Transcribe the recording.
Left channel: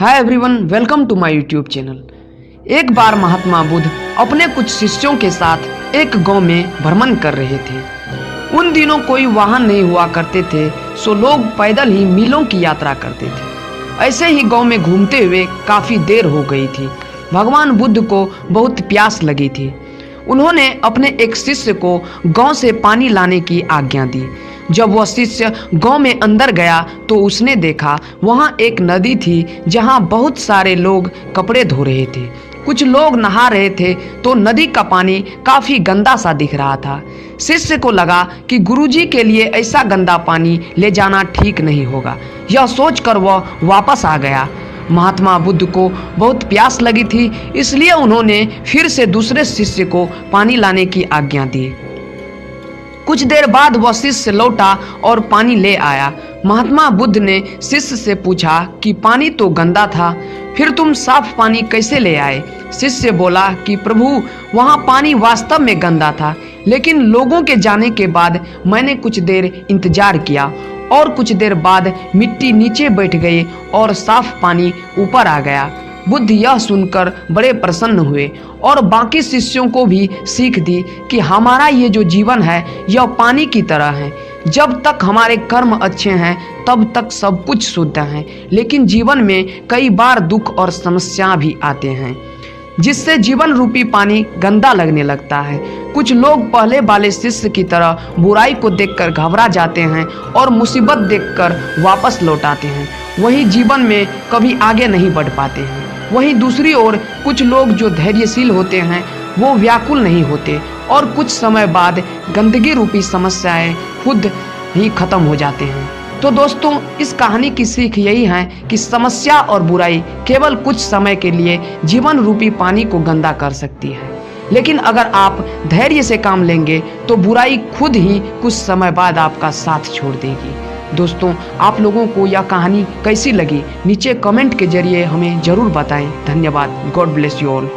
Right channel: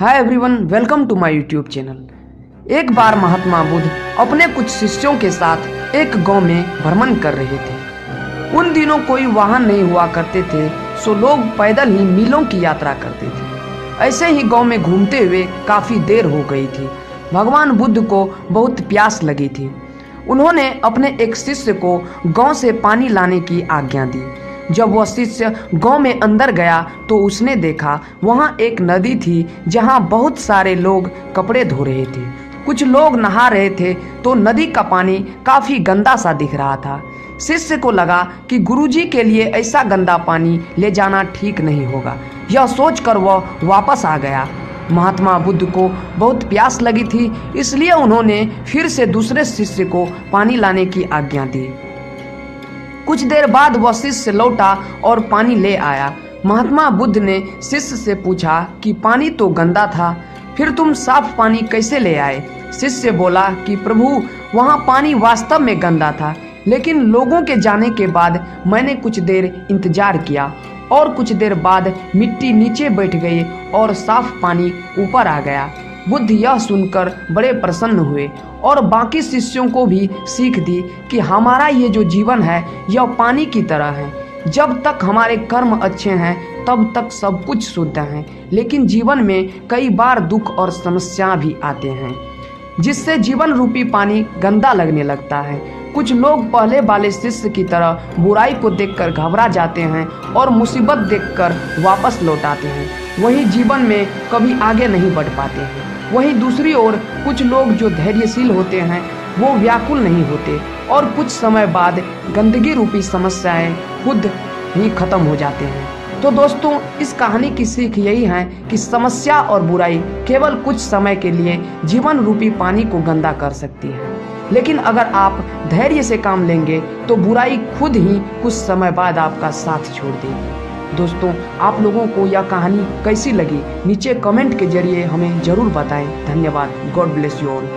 Hi everyone, welcome to my YouTube channel. एक बार महात्मा बुद्ध अपने कुछ शिष्यों के साथ एक गांव में भ्रमण कर रहे थे। उन दिनों कोई वाहन नहीं हुआ करते थे, सो लोग पैदल ही मीलों की यात्रा करते थे। ऐसे ही गांव में घूमते हुए काफ़ी देर हो गई थी। भगवान बुद्ध को बहुत प्यास लगी थी। उन्होंने अपने एक शिष्य को गांव से पानी लाने की आज्ञा दी। जब वह शिष्य गांव में अंदर गया तो उसने देखा वहां एक नदी थी जहां बहुत सारे लोग कपड़े धो रहे थे। कुछ लोग नहा रहे थे तो नदी का पानी काफी गंदा सा दिख रहा था। शिष्य को लगा कि गुरुजी के लिए ऐसा गंदा पानी ले जाना ठीक नहीं होगा। यह सोचकर वह वापस आ गया। महात्मा बुद्ध को बहुत प्यास लगी थी, इसलिए उन्होंने फिर से दूसरे शिष्य को पानी लाने की आज्ञा दी। कुछ देर बाद वह शिष्य लौटा और पानी ले आया। महात्मा बुद्ध ने शिष्य से पूछा कि पानी तो गंदा था, फिर तुम साफ पानी कैसे ले आए? शिष्य बोला कि प्रभु, वहाँ पानी वास्तव में गंदा था, लेकिन लोगों के जाने के बाद मैंने कुछ देर इंतजार किया और कुछ देर बाद मिट्टी नीचे बैठ गई और साफ पानी ऊपर आ गया। बुद्ध यह सुनकर बड़े प्रसन्न हुए और बाकी शिष्यों को भी सीख दी कि हमारा ये जो जीवन है यह पानी की तरह है। जब तक हमारे कर्म अच्छे हैं तब तक सब कुछ शुद्ध है, लेकिन जीवन में कई बार दुख और समस्या भी आते हैं जिससे जीवन रूपी पानी गंदा लगने लगता है। कुछ लोग पहले वाले शिष्य की तरह बुराई को देखकर घबरा जाते हैं और मुसीबत देखकर वापस लौट आते हैं। वहीं जीवन में कभी आगे नहीं बढ़ पाते हैं। वहीं दूसरी ओर कुछ लोग जो धैर्यशील होते हैं वो व्याकुल नहीं होते और कुछ समय बाद गंदगी रूपी समस्याएं खुद ही खत्म हो जाते हैं। तो दोस्तों, इस कहानी की सीख यही है कि समस्या और बुराई केवल कुछ समय के लिए जीवन रूपी पानी को गंदा कर सकती है, लेकिन अगर आप धैर्य से काम लेंगे तो बुराई खुद ही कुछ समय बाद आपका साथ छोड़ देगी। दोस्तों, आप लोगों को यह कहानी कैसी लगी नीचे कमेंट के जरिए हमें जरूर बताएं। धन्यवाद। God bless you all.